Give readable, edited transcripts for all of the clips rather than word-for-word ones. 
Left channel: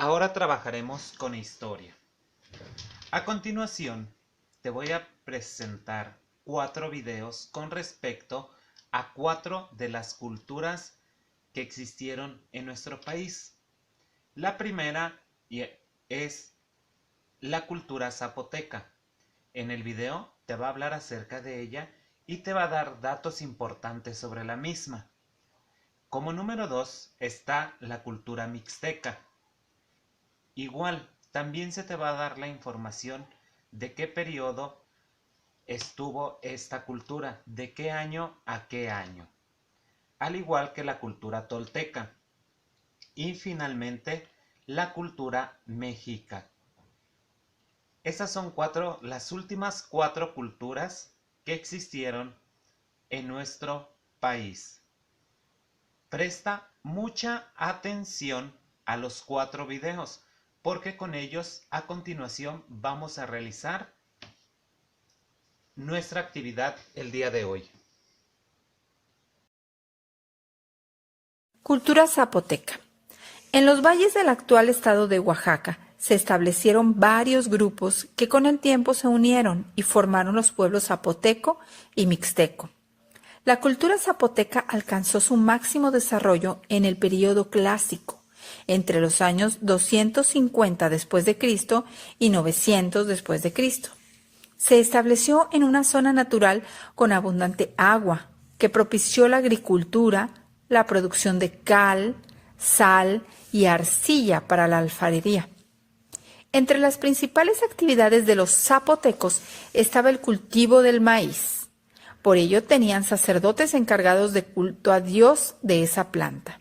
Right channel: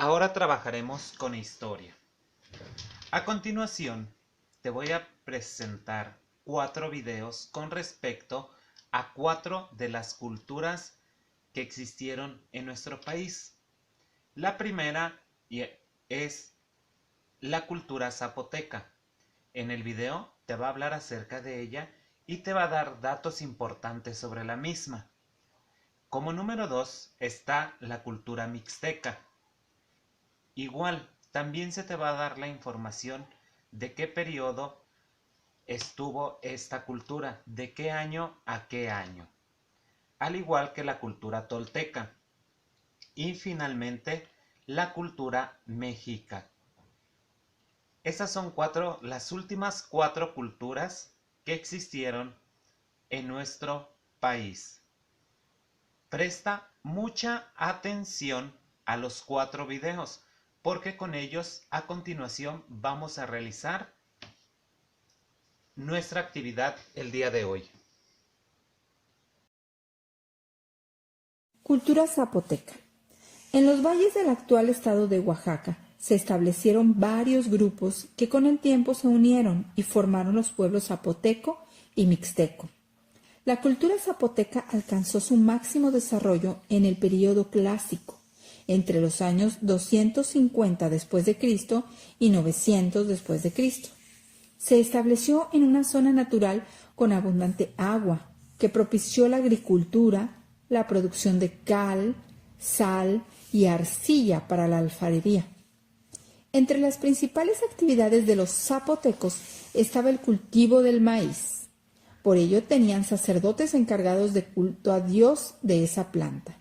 Ahora trabajaremos con historia. A continuación, te voy a presentar 4 videos con respecto a 4 de las culturas que existieron en nuestro país. La primera es la cultura zapoteca. En el video te va a hablar acerca de ella y te va a dar datos importantes sobre la misma. Como número 2 está la cultura mixteca. Igual, también se te va a dar la información de qué periodo estuvo esta cultura, de qué año a qué año, al igual que la cultura tolteca. Y finalmente, la cultura mexica. Esas son las últimas 4 culturas que existieron en nuestro país. Presta mucha atención a los 4 videos, porque con ellos a continuación vamos a realizar nuestra actividad el día de hoy. Cultura zapoteca. En los valles del actual estado de Oaxaca se establecieron varios grupos que con el tiempo se unieron y formaron los pueblos zapoteco y mixteco. La cultura zapoteca alcanzó su máximo desarrollo en el período clásico, entre los años 250 después de Cristo y 900 después de Cristo. Se estableció en una zona natural con abundante agua, que propició la agricultura, la producción de cal, sal y arcilla para la alfarería. Entre las principales actividades de los zapotecos estaba el cultivo del maíz. Por ello tenían sacerdotes encargados de culto a Dios de esa planta.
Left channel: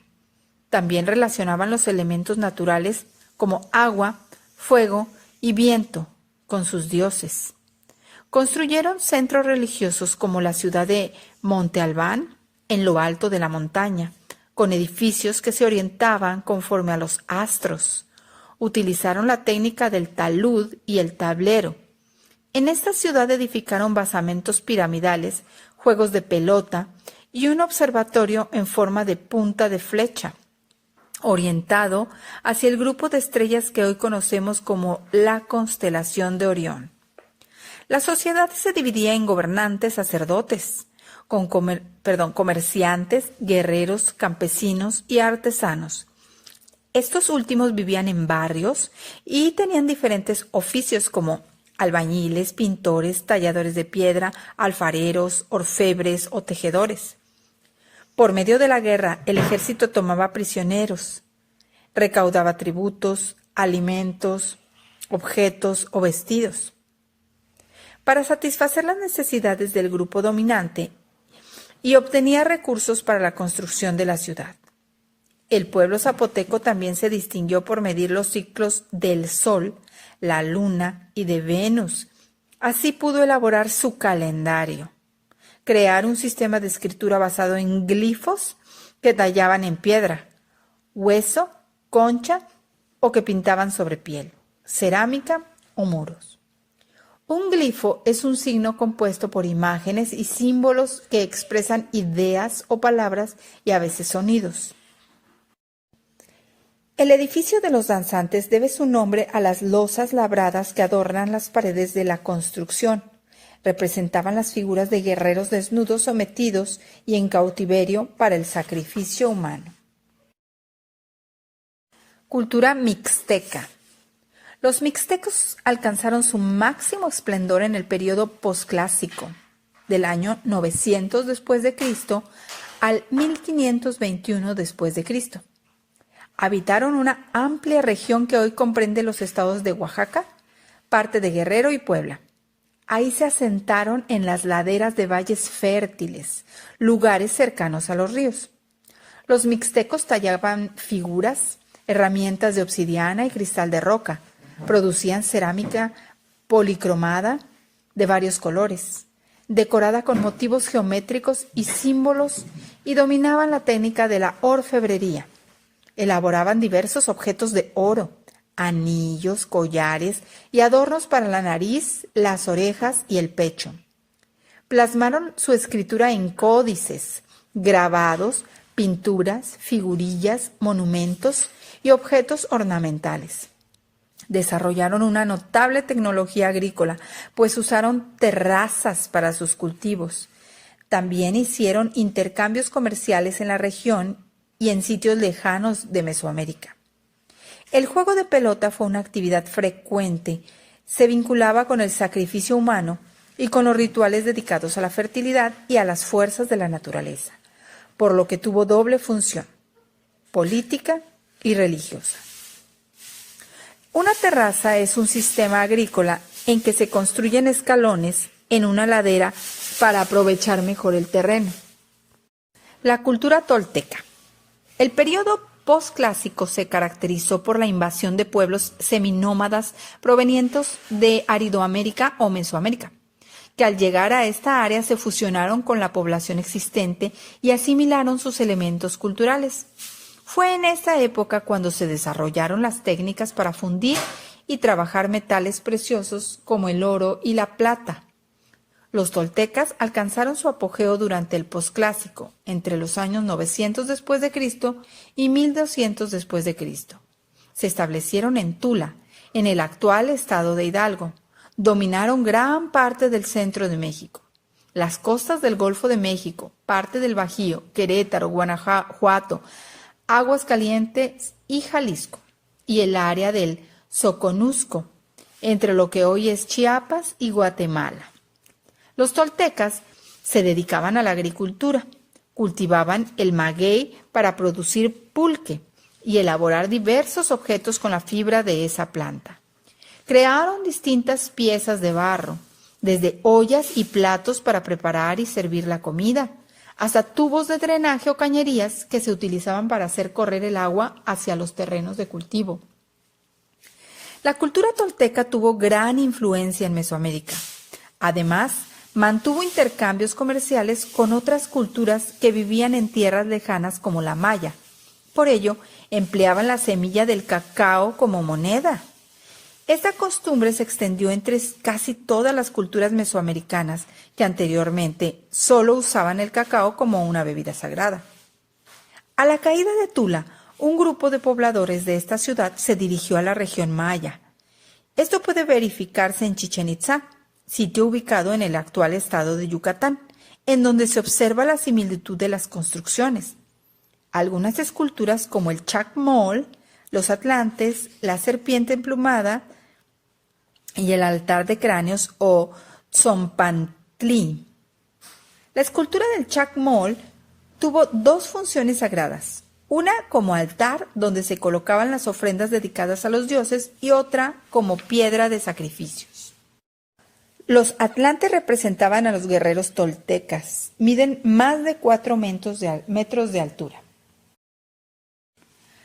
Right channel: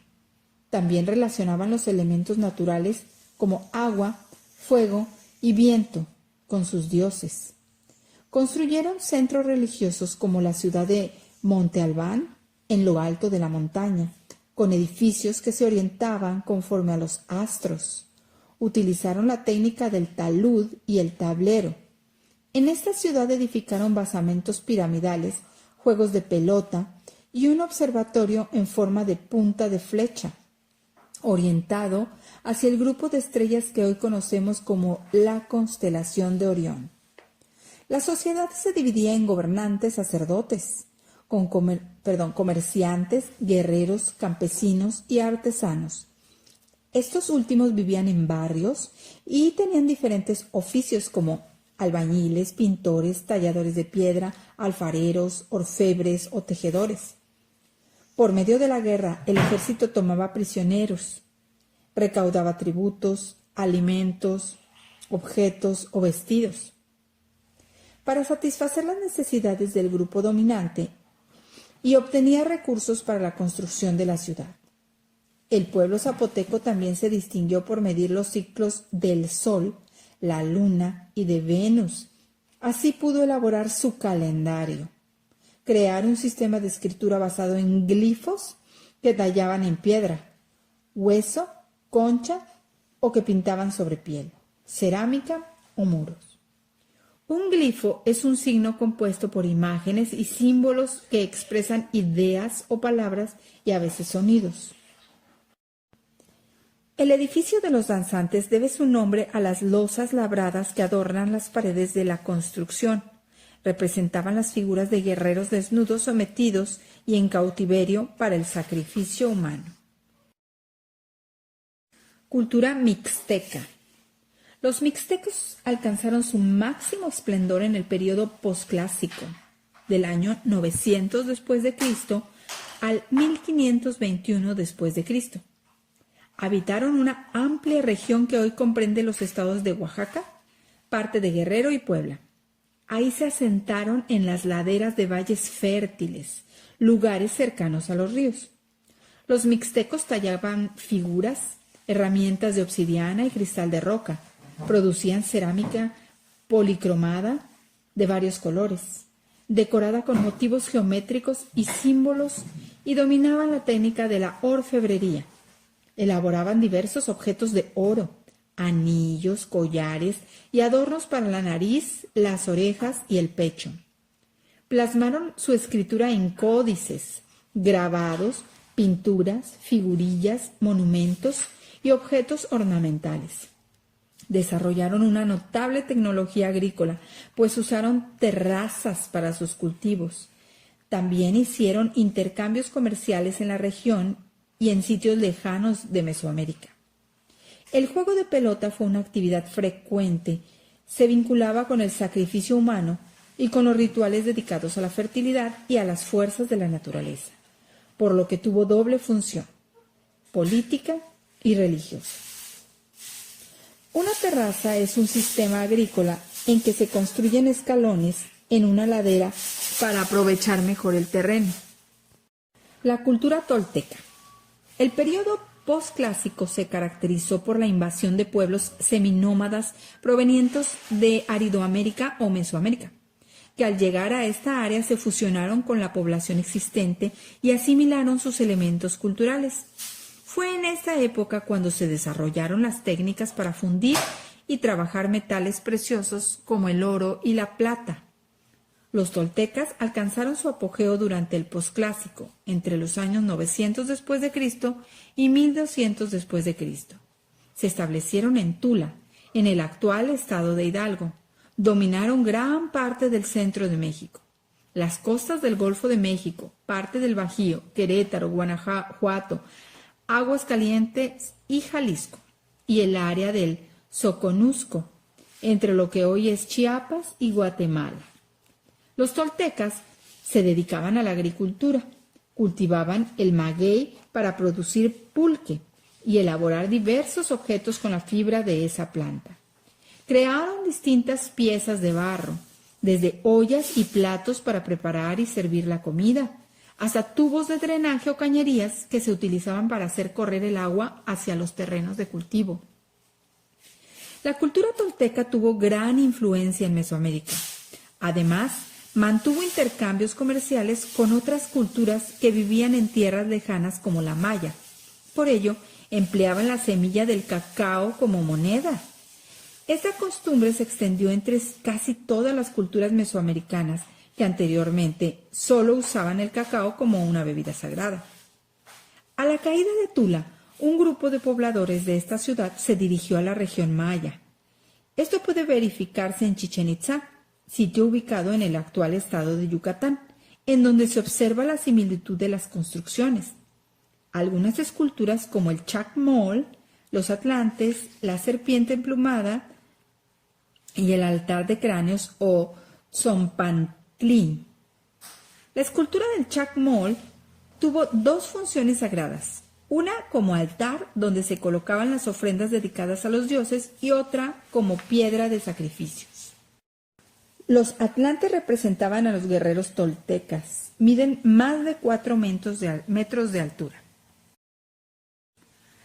También relacionaban los elementos naturales como agua, fuego y viento con sus dioses. Construyeron centros religiosos como la ciudad de Monte Albán, en lo alto de la montaña, con edificios que se orientaban conforme a los astros. Utilizaron la técnica del talud y el tablero. En esta ciudad edificaron basamentos piramidales, juegos de pelota y un observatorio en forma de punta de flecha, orientado hacia el grupo de estrellas que hoy conocemos como la constelación de Orión. La sociedad se dividía en gobernantes, sacerdotes, comerciantes, guerreros, campesinos y artesanos. Estos últimos vivían en barrios y tenían diferentes oficios como albañiles, pintores, talladores de piedra, alfareros, orfebres o tejedores. Por medio de la guerra, el ejército tomaba prisioneros, recaudaba tributos, alimentos, objetos o vestidos. Para satisfacer las necesidades del grupo dominante y obtenía recursos para la construcción de la ciudad. El pueblo zapoteco también se distinguió por medir los ciclos del sol, la luna y de Venus. Así pudo elaborar su calendario, crear un sistema de escritura basado en glifos que tallaban en piedra, hueso, concha o que pintaban sobre piel, cerámica o muros. Un glifo es un signo compuesto por imágenes y símbolos que expresan ideas o palabras y a veces sonidos. El edificio de los danzantes debe su nombre a las losas labradas que adornan las paredes de la construcción. Representaban las figuras de guerreros desnudos sometidos y en cautiverio para el sacrificio humano. Cultura mixteca. Los mixtecos alcanzaron su máximo esplendor en el período posclásico, del año 900 después de Cristo al 1521 después de Cristo. Habitaron una amplia región que hoy comprende los estados de Oaxaca, parte de Guerrero y Puebla. Ahí se asentaron en las laderas de valles fértiles, lugares cercanos a los ríos. Los mixtecos tallaban figuras, herramientas de obsidiana y cristal de roca. Producían cerámica policromada de varios colores, decorada con motivos geométricos y símbolos, y dominaban la técnica de la orfebrería. Elaboraban diversos objetos de oro, anillos, collares y adornos para la nariz, las orejas y el pecho. Plasmaron su escritura en códices, grabados, pinturas, figurillas, monumentos y objetos ornamentales. Desarrollaron una notable tecnología agrícola, pues usaron terrazas para sus cultivos. También hicieron intercambios comerciales en la región y en sitios lejanos de Mesoamérica. El juego de pelota fue una actividad frecuente, se vinculaba con el sacrificio humano y con los rituales dedicados a la fertilidad y a las fuerzas de la naturaleza, por lo que tuvo doble función, política y religiosa. Una terraza es un sistema agrícola en que se construyen escalones en una ladera para aprovechar mejor el terreno. La cultura tolteca. El periodo posclásico se caracterizó por la invasión de pueblos seminómadas provenientes de Aridoamérica o Mesoamérica, que al llegar a esta área se fusionaron con la población existente y asimilaron sus elementos culturales. Fue en esta época cuando se desarrollaron las técnicas para fundir y trabajar metales preciosos como el oro y la plata. Los toltecas alcanzaron su apogeo durante el posclásico, entre los años 900 después de Cristo y 1200 después de Cristo. Se establecieron en Tula, en el actual estado de Hidalgo. Dominaron gran parte del centro de México. Las costas del Golfo de México, parte del Bajío, Querétaro, Guanajuato, Aguascalientes y Jalisco, y el área del Soconusco, entre lo que hoy es Chiapas y Guatemala. Los toltecas se dedicaban a la agricultura, cultivaban el maguey para producir pulque y elaborar diversos objetos con la fibra de esa planta. Crearon distintas piezas de barro, desde ollas y platos para preparar y servir la comida, hasta tubos de drenaje o cañerías que se utilizaban para hacer correr el agua hacia los terrenos de cultivo. La cultura tolteca tuvo gran influencia en Mesoamérica. Además, mantuvo intercambios comerciales con otras culturas que vivían en tierras lejanas como la maya. Por ello, empleaban la semilla del cacao como moneda. Esta costumbre se extendió entre casi todas las culturas mesoamericanas que anteriormente solo usaban el cacao como una bebida sagrada. A la caída de Tula, un grupo de pobladores de esta ciudad se dirigió a la región maya. Esto puede verificarse en Chichén Itzá, sitio ubicado en el actual estado de Yucatán, en donde se observa la similitud de las construcciones. Algunas esculturas como el Chacmol, los atlantes, la serpiente emplumada y el altar de cráneos o Tzompantli. La escultura del Chacmol tuvo dos funciones sagradas, una como altar donde se colocaban las ofrendas dedicadas a los dioses y otra como piedra de sacrificios. Los atlantes representaban a los guerreros toltecas. Miden más de 4 metros de altura.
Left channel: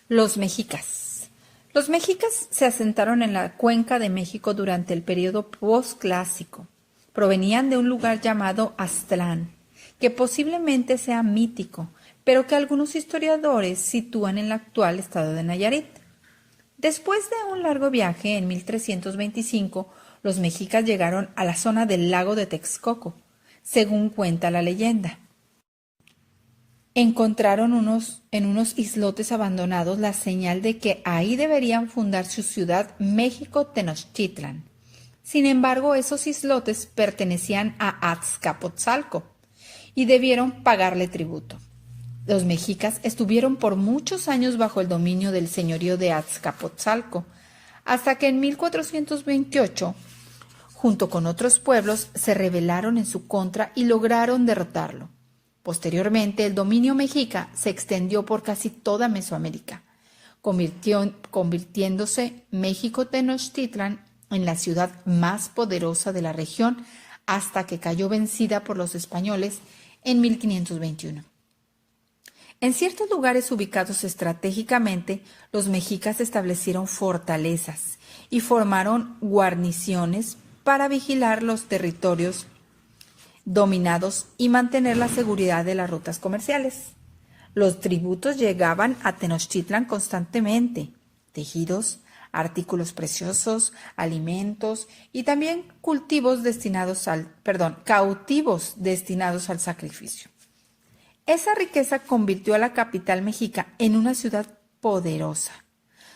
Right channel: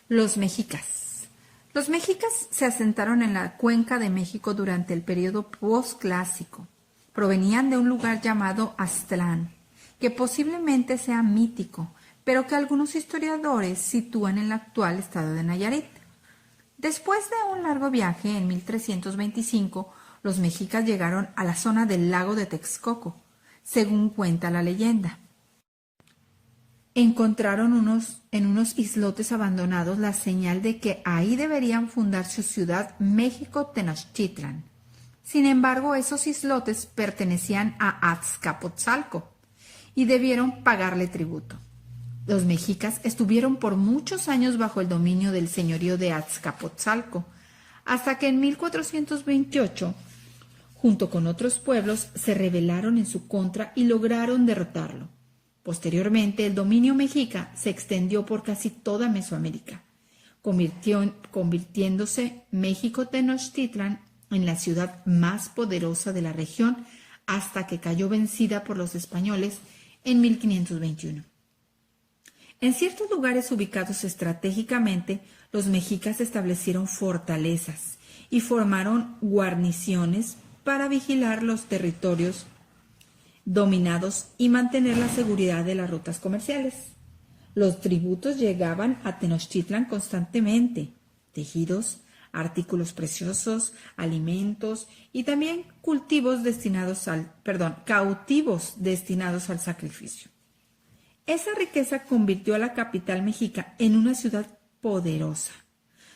Los mexicas. Los mexicas se asentaron en la cuenca de México durante el periodo posclásico. Provenían de un lugar llamado Aztlán, que posiblemente sea mítico, pero que algunos historiadores sitúan en el actual estado de Nayarit. Después de un largo viaje, en 1325, los mexicas llegaron a la zona del lago de Texcoco, según cuenta la leyenda. Encontraron en unos islotes abandonados la señal de que ahí deberían fundar su ciudad México-Tenochtitlan. Sin embargo, esos islotes pertenecían a Azcapotzalco y debieron pagarle tributo. Los mexicas estuvieron por muchos años bajo el dominio del señorío de Azcapotzalco, hasta que en 1428, junto con otros pueblos, se rebelaron en su contra y lograron derrotarlo. Posteriormente, el dominio mexica se extendió por casi toda Mesoamérica, convirtiéndose México-Tenochtitlan en la ciudad más poderosa de la región hasta que cayó vencida por los españoles en 1521. En ciertos lugares ubicados estratégicamente, los mexicas establecieron fortalezas y formaron guarniciones para vigilar los territorios dominados y mantener la seguridad de las rutas comerciales. Los tributos llegaban a Tenochtitlan constantemente: tejidos, artículos preciosos, alimentos y también cautivos destinados al sacrificio. Esa riqueza convirtió a la capital mexica en una ciudad poderosa.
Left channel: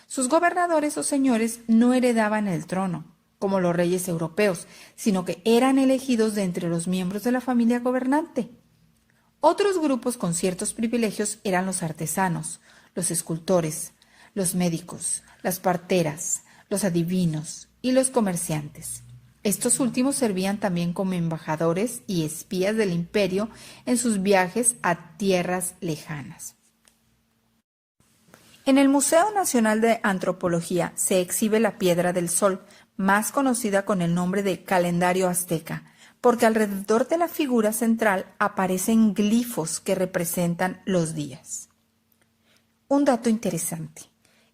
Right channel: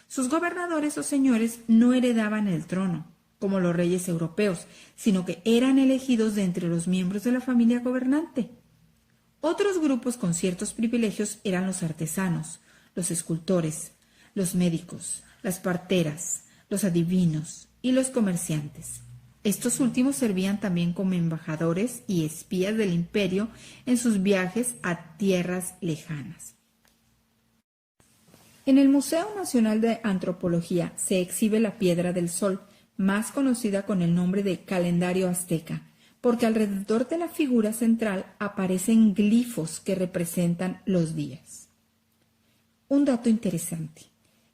Sus gobernadores o señores no heredaban el trono, como los reyes europeos, sino que eran elegidos de entre los miembros de la familia gobernante. Otros grupos con ciertos privilegios eran los artesanos, los escultores, los médicos, las parteras, los adivinos y los comerciantes. Estos últimos servían también como embajadores y espías del imperio en sus viajes a tierras lejanas. En el Museo Nacional de Antropología se exhibe la Piedra del Sol, más conocida con el nombre de calendario azteca, porque alrededor de la figura central aparecen glifos que representan los días. Un dato interesante.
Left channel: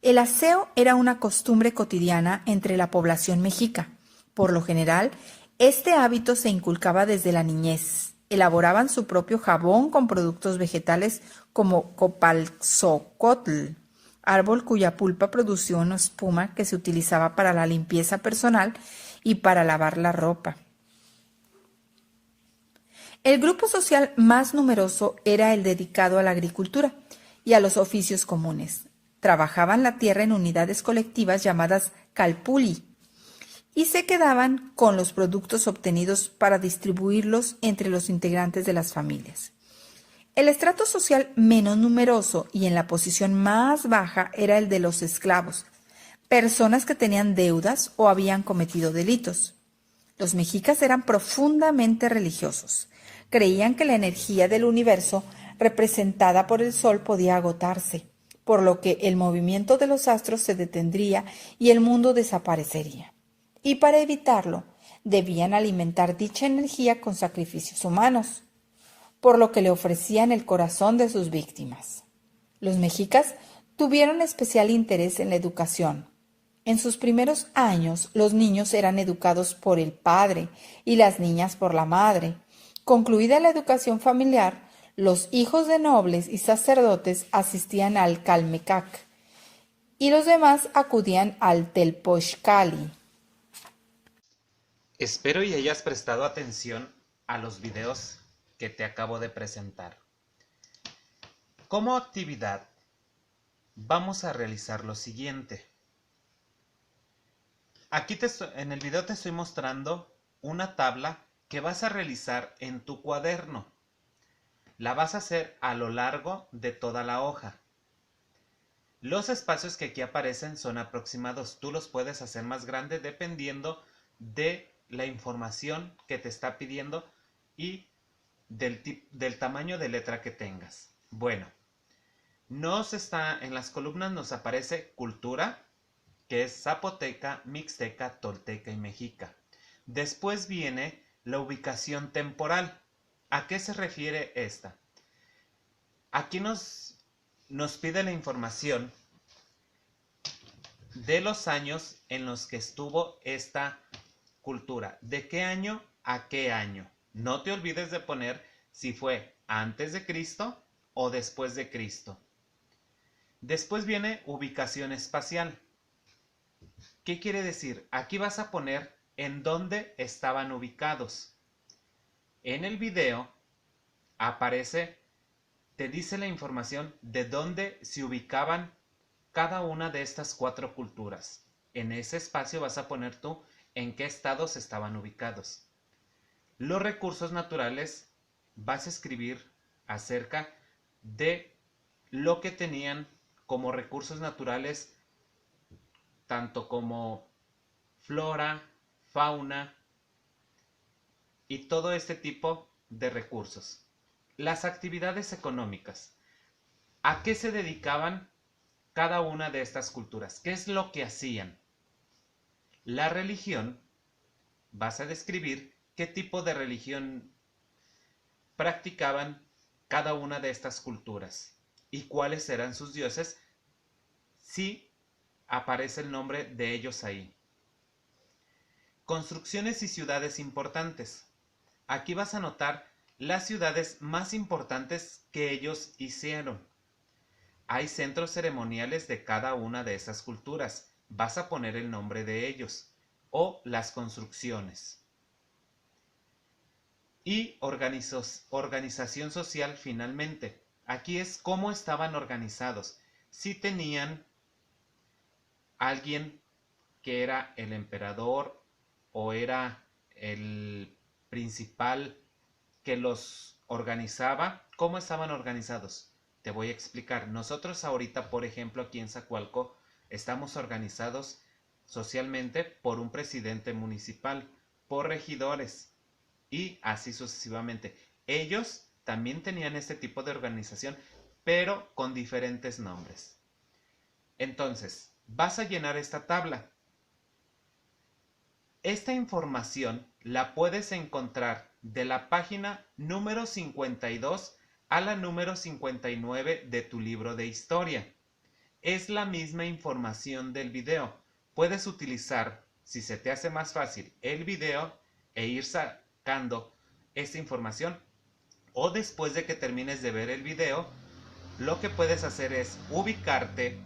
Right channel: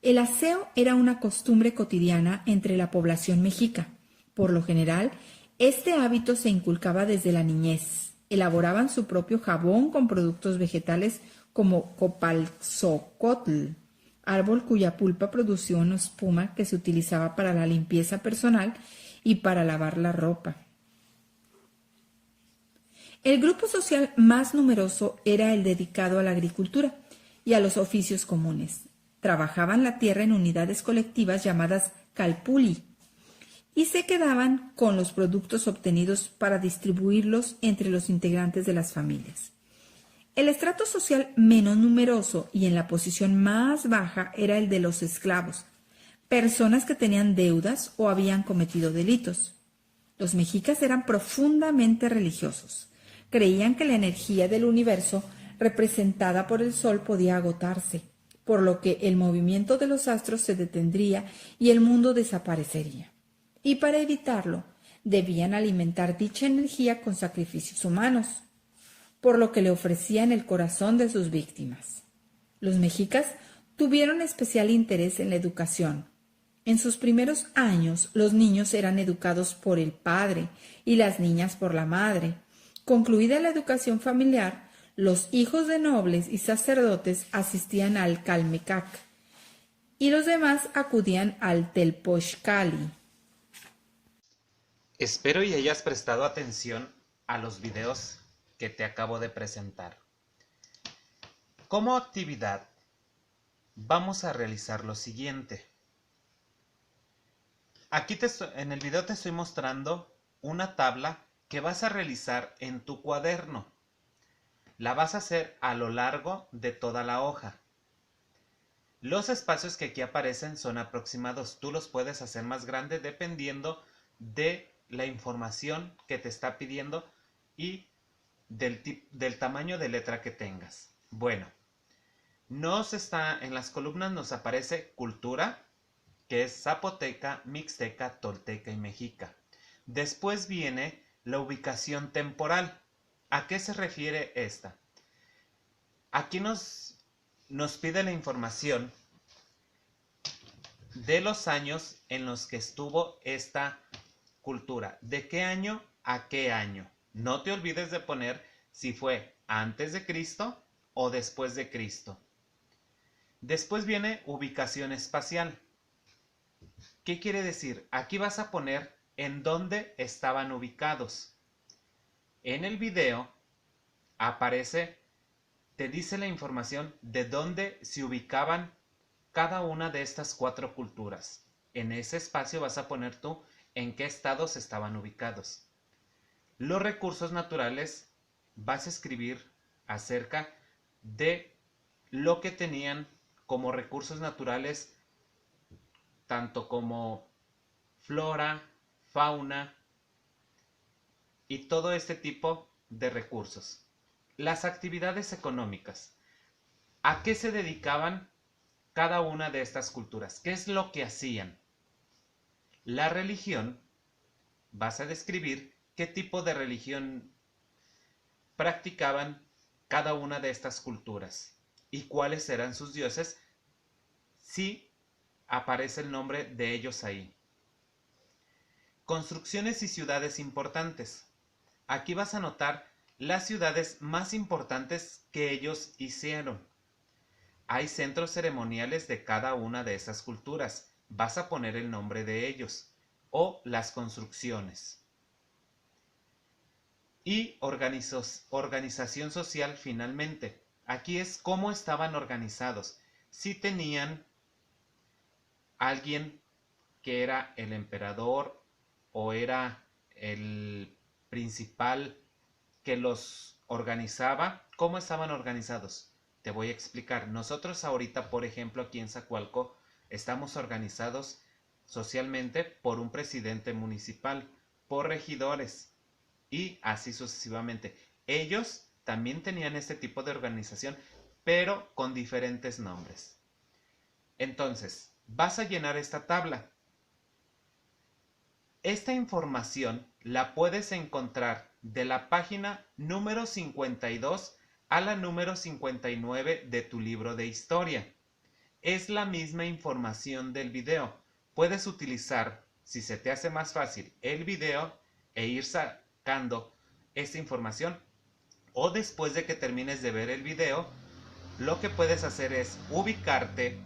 El aseo era una costumbre cotidiana entre la población mexica. Por lo general, este hábito se inculcaba desde la niñez. Elaboraban su propio jabón con productos vegetales como copalzocotl, árbol cuya pulpa producía una espuma que se utilizaba para la limpieza personal y para lavar la ropa. El grupo social más numeroso era el dedicado a la agricultura y a los oficios comunes. Trabajaban la tierra en unidades colectivas llamadas calpulli y se quedaban con los productos obtenidos para distribuirlos entre los integrantes de las familias. El estrato social menos numeroso y en la posición más baja era el de los esclavos, personas que tenían deudas o habían cometido delitos. Los mexicas eran profundamente religiosos. Creían que la energía del universo representada por el sol podía agotarse, por lo que el movimiento de los astros se detendría y el mundo desaparecería. Y para evitarlo, debían alimentar dicha energía con sacrificios humanos, por lo que le ofrecían el corazón de sus víctimas. Los mexicas tuvieron especial interés en la educación. En sus primeros años, los niños eran educados por el padre y las niñas por la madre. Concluida la educación familiar, los hijos de nobles y sacerdotes asistían al Calmecac y los demás acudían al Telpochcali. Espero y hayas prestado atención a los videos que te acabo de presentar. Como actividad, vamos a realizar lo siguiente. Aquí en el video te estoy mostrando una tabla que vas a realizar en tu cuaderno. La vas a hacer a lo largo de toda la hoja. Los espacios que aquí aparecen son aproximados. Tú los puedes hacer más grandes dependiendo de la información que te está pidiendo y del tamaño de letra que tengas. Bueno, en las columnas nos aparece cultura, que es zapoteca, mixteca, tolteca y mexica. Después viene la ubicación temporal. ¿A qué se refiere esta? Aquí nos pide la información de los años en los que estuvo esta cultura. ¿De qué año a qué año? No te olvides de poner si fue antes de Cristo o después de Cristo. Después viene ubicación espacial. ¿Qué quiere decir? Aquí vas a poner en dónde estaban ubicados. En el video aparece, te dice la información de dónde se ubicaban cada una de estas 4 culturas. En ese espacio vas a poner tú en qué estados estaban ubicados. Los recursos naturales, vas a escribir acerca de lo que tenían como recursos naturales, tanto como flora, fauna y todo este tipo de recursos. Las actividades económicas. ¿A qué se dedicaban cada una de estas culturas? ¿Qué es lo que hacían? La religión, vas a describir qué tipo de religión practicaban cada una de estas culturas y cuáles eran sus dioses, si aparece el nombre de ellos ahí. Construcciones y ciudades importantes. Aquí vas a notar las ciudades más importantes que ellos hicieron. Hay centros ceremoniales de cada una de esas culturas. Vas a poner el nombre de ellos o las construcciones. Y organización social finalmente. Aquí es cómo estaban organizados. Si tenían alguien que era el emperador o era el principal que los organizaba. ¿Cómo estaban organizados? Te voy a explicar. Nosotros ahorita, por ejemplo, aquí en Zacualco, estamos organizados socialmente por un presidente municipal, por regidores y así sucesivamente. Ellos también tenían este tipo de organización, pero con diferentes nombres. Entonces, vas a llenar esta tabla. Esta información la puedes encontrar de la página número 52 a la número 59 de tu libro de historia. Es la misma información del video. Puedes utilizar, si se te hace más fácil, el video e ir sacando esta información, o después de que termines de ver el video, lo que puedes hacer es ubicarte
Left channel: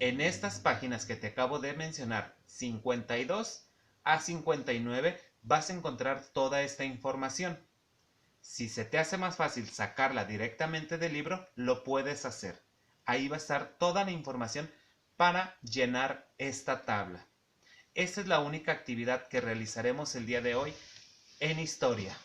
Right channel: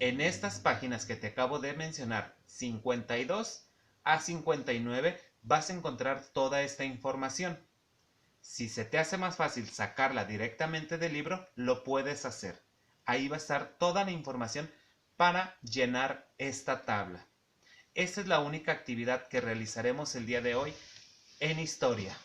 en estas páginas que te acabo de mencionar, 52 a 59, vas a encontrar toda esta información. Si se te hace más fácil sacarla directamente del libro, lo puedes hacer. Ahí va a estar toda la información para llenar esta tabla. Esta es la única actividad que realizaremos el día de hoy en historia.